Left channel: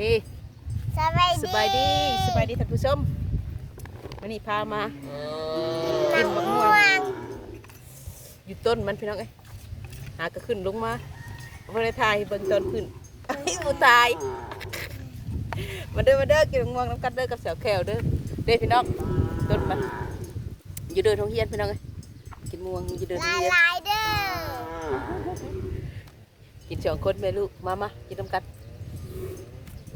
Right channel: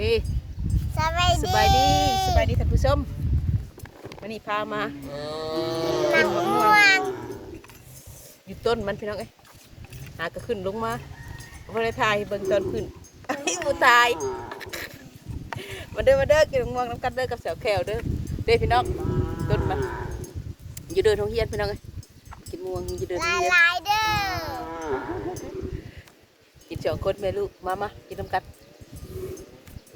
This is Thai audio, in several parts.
สบายดีสบายดีสบายดีท่านผู้ชมวันนี้พามามะม่วงอยู่ต้นมันพี่น้องเอ้ยหาก็ขึ้นลงมาวันนี้ทายเบิ่งตอนขึ้นกูตาย มาเด้อมาเด้อกินมะม่วงน้ำกันเด้อกับแสวแขวเด้อเด้อพี่น้องต้นมันอยู่เดินทงเฮียนพี่น้องเอ้ยกินมะม่วงอยู่เดินทลางเฮียนลายเด้อกินสองคนแม่ลูกมามากินน้ำกัน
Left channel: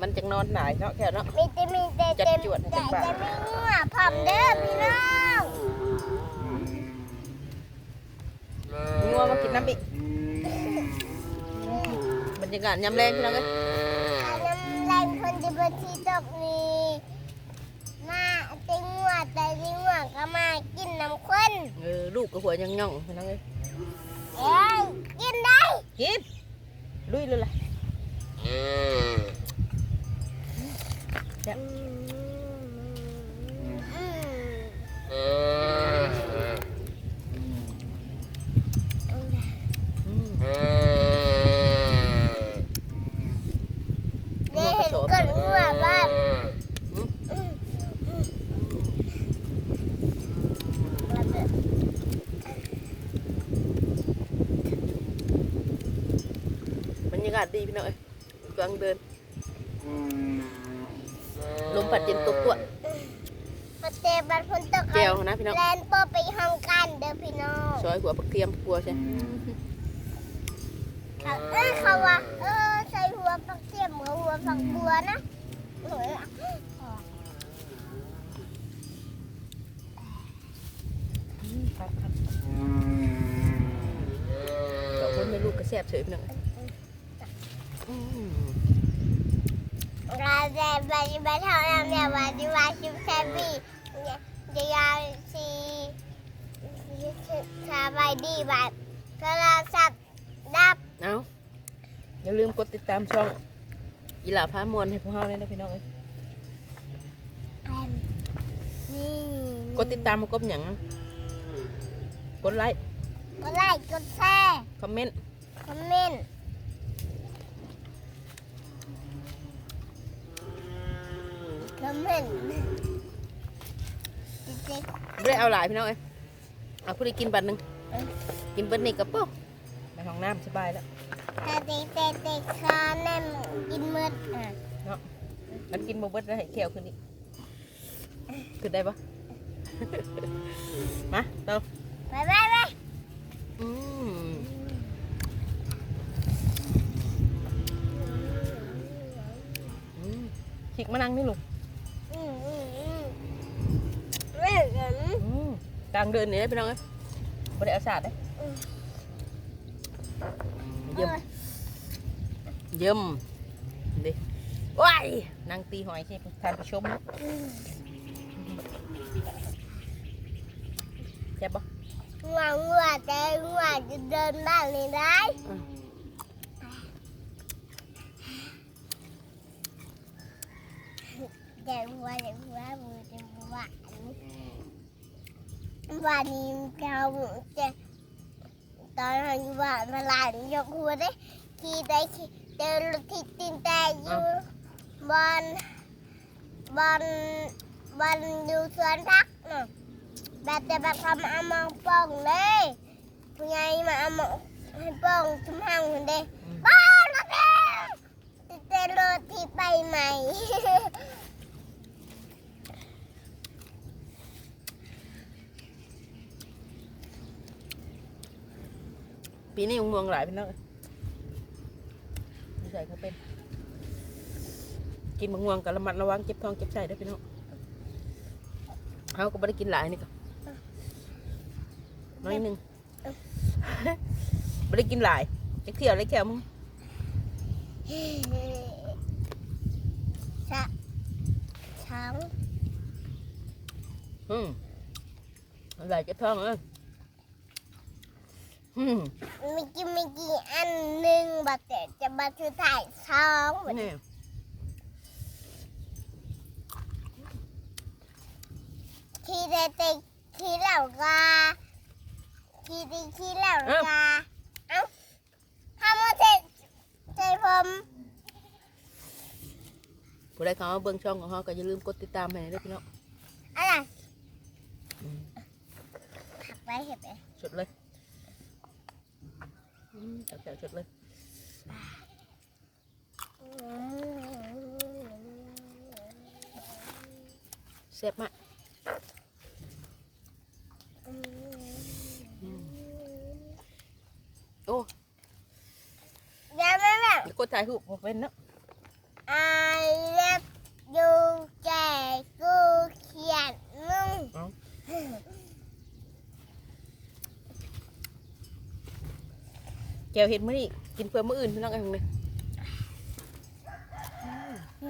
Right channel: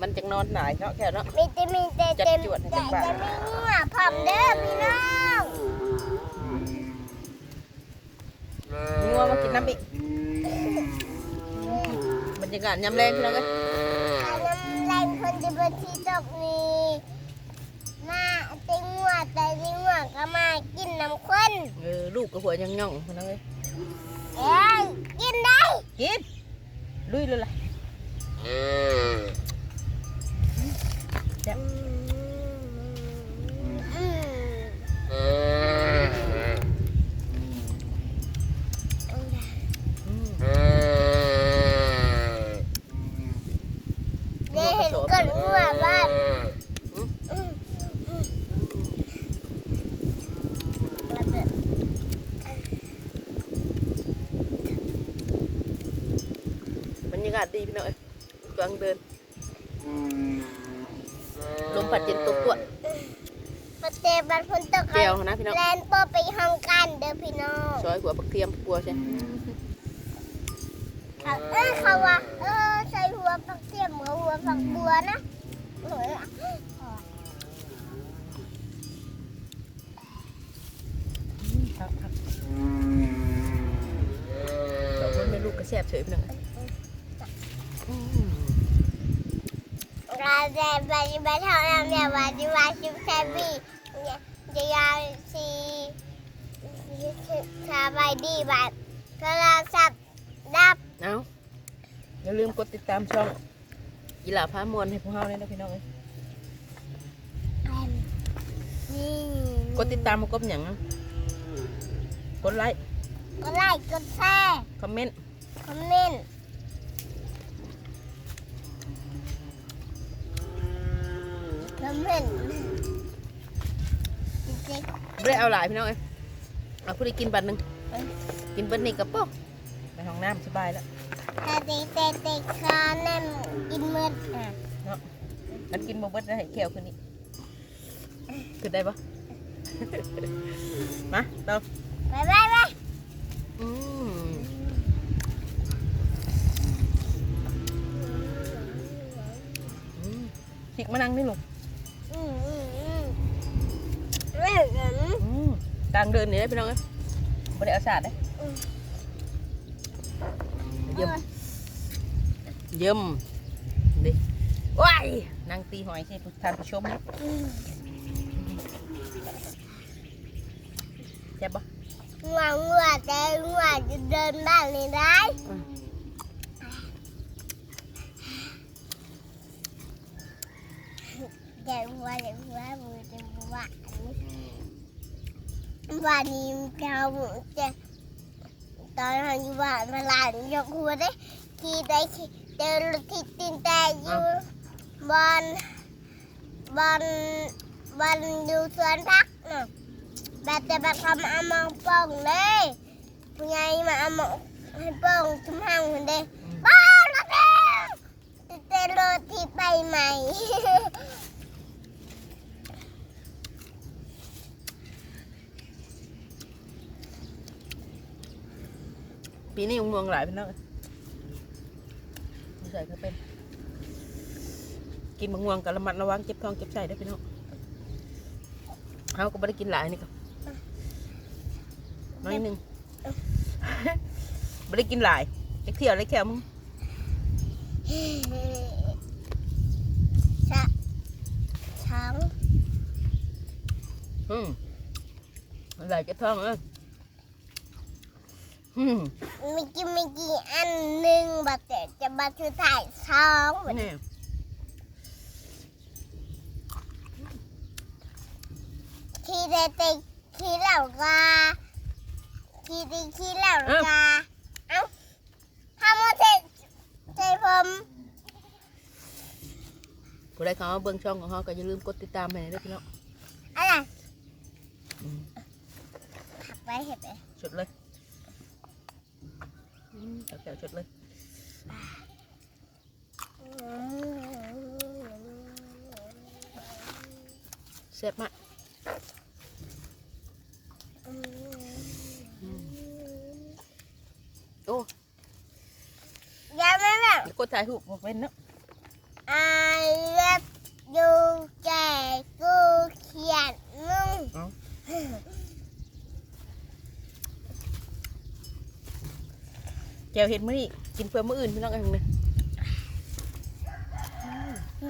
มันจังนอนหนายเนาะแถวเนาะ มีแต่มีแต่จัดเต็มจวดแต่จัดบ่าจะมีงัวพร้อมเด้อพี่น้องงัวมากินน้ำอีกบรรยากาศยามแรงพี่น้องเอ้ยเอาน้ำแรงคนที่บันที่ตกนี้มาเต็งงัวแต่นี่งัวก็มากินน้ำข้นเออลูกกับหัวยังย่องพี่น้องเอ้ยเอ้ยกินได้กินลุยเลยล่ะแซ่ บอืมอืมเอาล่ะอืมเดี๋ยวเห็นก้นงัวบ้านอืมอืมอืมแล้วก็บรรยากาศดีพี่น้องเอ้ยกำลังเดิน ลมพัดเย็นตกตัวพอเตะบันฝนตกแก้วนะพี่น้องแลนโปไปห้องกันเด้อพี่น้องซอยหัวปักเทียมกลัวใช่เขาเอ้ยเขาว่าเออใส่หัวปักเทียมกับหัวฝักบัวนะหนูอะครับครับสองคนแม่ลูกก็แซ่บเฉยพี่น้อง เอ้ยอืมเราจะไปไปเท่านั้นเนี่ยวันที่ว่าชิมแซบี้จะยาวสีสบายดีแบบโทรศัพท์ดับเอาอย่าลืมกดติดตามช่องอีหลาพามวนให้พวกเราเลยนะพี่น้องเอ้ยนี่กดติดตามมากบหยังกดไลค์กดไลค์กดแชร์คอมเมนต์ คอมเมนต์คอมเมนต์จริงไม่ได้เอาหลายพี่น้องเอ้ยเอาผู้ใดกินบัตรหนึ่งกินเบัตรนี่กับปุ๊บไปห้องน้ำสบายแล้วๆถ้าเด็กเด็กๆคาแน่นกินมืดอะเนาะมันกินบ่เบิดแล้วให้แขวขึ้นนี่ขึ้นได้ปะ มาเติมไปไปไปอืมอืมพริกมานั่งนี่ลูก อืมอืมอืมเรื่องนั้น อืม ต่างเดินเหนือพี่น้องเอ้ยบ่ได้เอาสาดเลยอืมเยี่ยมเยี่ยมดิว้ายนางตีหอยใช่ทานผู้ชมนะอืมแซ่บปะงัวงัวแต่งัวจะเดินบ้านนี่ได้อืมเดี๋ยวงัวเดี๋ยวงัวมือจะหวาน วันนี้เขาจะตอนนั้นว่ามาหลานยกหัวได้ขี่ได้ขี่เดินรถที่ตีนแต่อยู่บอนบอนบอนอยู่สวนพักน่ะแบบแต่แบบเขามาเอามองป้องเลยผู้ใหญ่มาเอามาให้ป้องชุมห้างคนเด้อืมบ้านละเด้อเต้นรถที่ไปใหม่ ปีนี้ยังมวงหลายพี่น้องเอ้ยใส่เขาเป็นกินมะม่วงกับระมัดระวังเจ็บท้องเจ็บไส้ได้อพี่น้องเขาก็ไม่ได้กินหลายนี่ก็น้อยหนึ่งไม่ได้กินหลายเล็กเที่ยวเล็กแค่มึงสะช้างอืมหลายเจ็บท้องเอออื มมีกี่มีกี่อันหนึ่งบัตรจะบัตรถ่ายสองบัดนี่ที่เด็กๆที่เหล่ากาที่ดีที่เหล่ากาเอ้าทำมาเสร็จใจผมผู้ใดเข้ามาเบิ่งช่องของเฮาก็อย่าลืมกดติดตามให้ด้วยพี่น้องอะไรอืมผักไปเห็ดไปสุดเลย อืมแถวๆสุดเลยอืมแซ่บมากอืมอืมโอ้ยังไม่แบบเดี๋ยวกดถ่ายรูปบ่เป็นเนาะ I love you แกกูเขียนมึง แจวเห็ดมื้อนี้กินเพื่อมื้ออื่นพี่น้องเอ้ยมึงนี่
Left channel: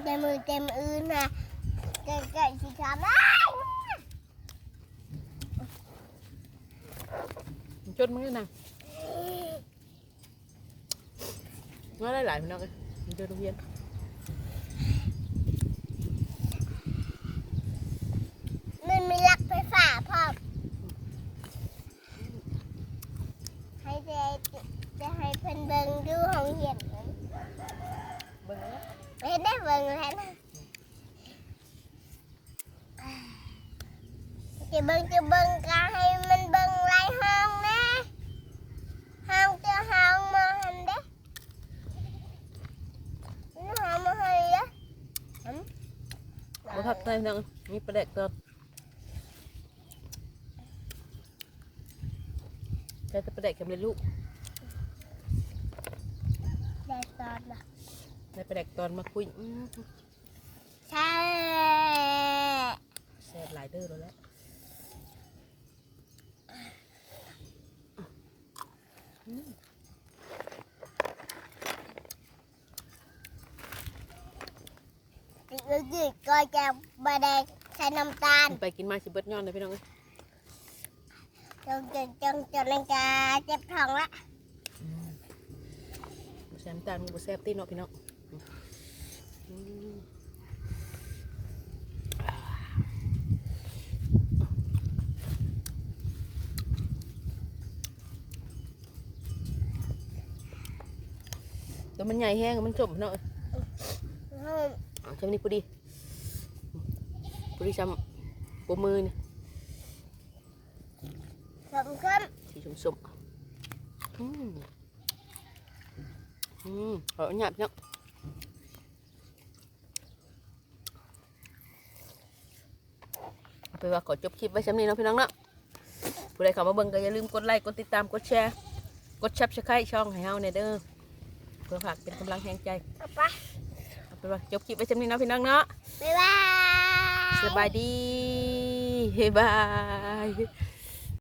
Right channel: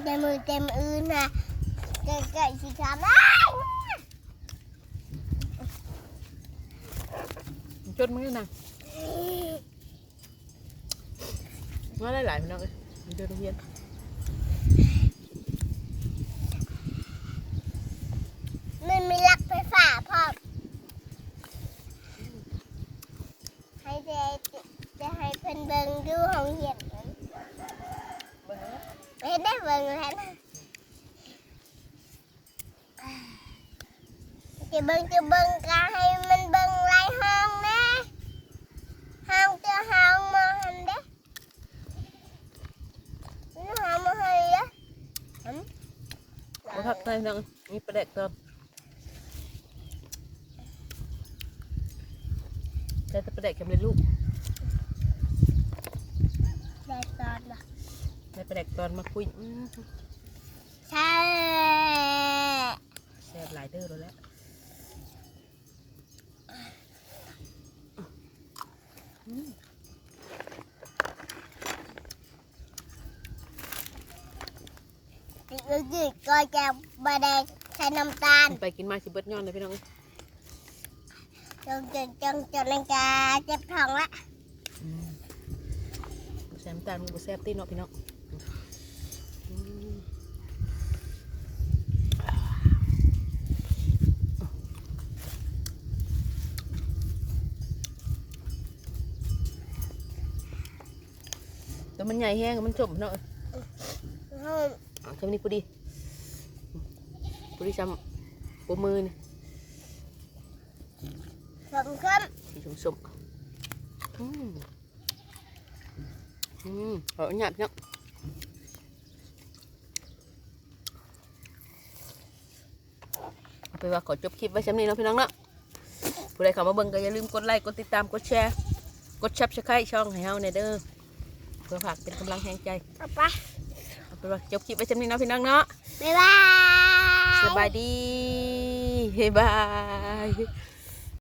เต็มมือเต็มอื่นนะเกิดเกิดสิครับอ้ายจดมื้อนะมาหลายๆพี่น้องเอ้ยมันเดินโรงเรียนมันมีลักไฟฟ้าพ่อมให้เด็กจะให้เพิ่นเบิ่งดูห้องเรียนนั้น เบิ่งแล้ว เห็นได้เบิ่งแล้วนะ จะเบิ่งจะเบิ่งก็ให้มันเบิ่งหลายห้องนะห้องจะห้องมาหันเด้นี่ห้องมาให้เด้อหืมบ่ทักทายพี่น้องเอ้ยมีประเด็กตอนใส่แต่ประเด็กกำเลยลูกได้ตอนละในประเด็กตอนมาคุยอื้อใช่แซ่บหลายเด้อแล้ว แหละติดยืดก็จะบะแดงใส่น้ำตาลกินไปกินมาสิเบิดย้อนเลยพี่น้องเอ้ยจนจนจนจนมันจะเจ็บท้องละอืมแซมตาลมันบ่แซ่บตีเนาะพี่น้อง แล้วมันใหญ่แห้งมันจมเนาะอืมเอาชำนี้พอดีพอดีชำปมือนี่สมขึ้นสีชมสมๆอืมอืมเอาหยาบเนาะเอาไปว่าขอจบคลิปไว้ชำนี้เนาะพี่น้องเนาะผู้ใดเข้ามาเบิ่งก็อย่าลืมกดไลค์กดติดตามกดแชร์กดชับสไครต์ช่องให้เฮาในเด้อ เพื่อฝากเป็นกำลังแรงใจป๊าป๊าเอาเป็นว่าจบคลิปไว้ชำนี้เนาะพี่น้องเนาะบ๊ายบายสบายดีบ๊ายบาย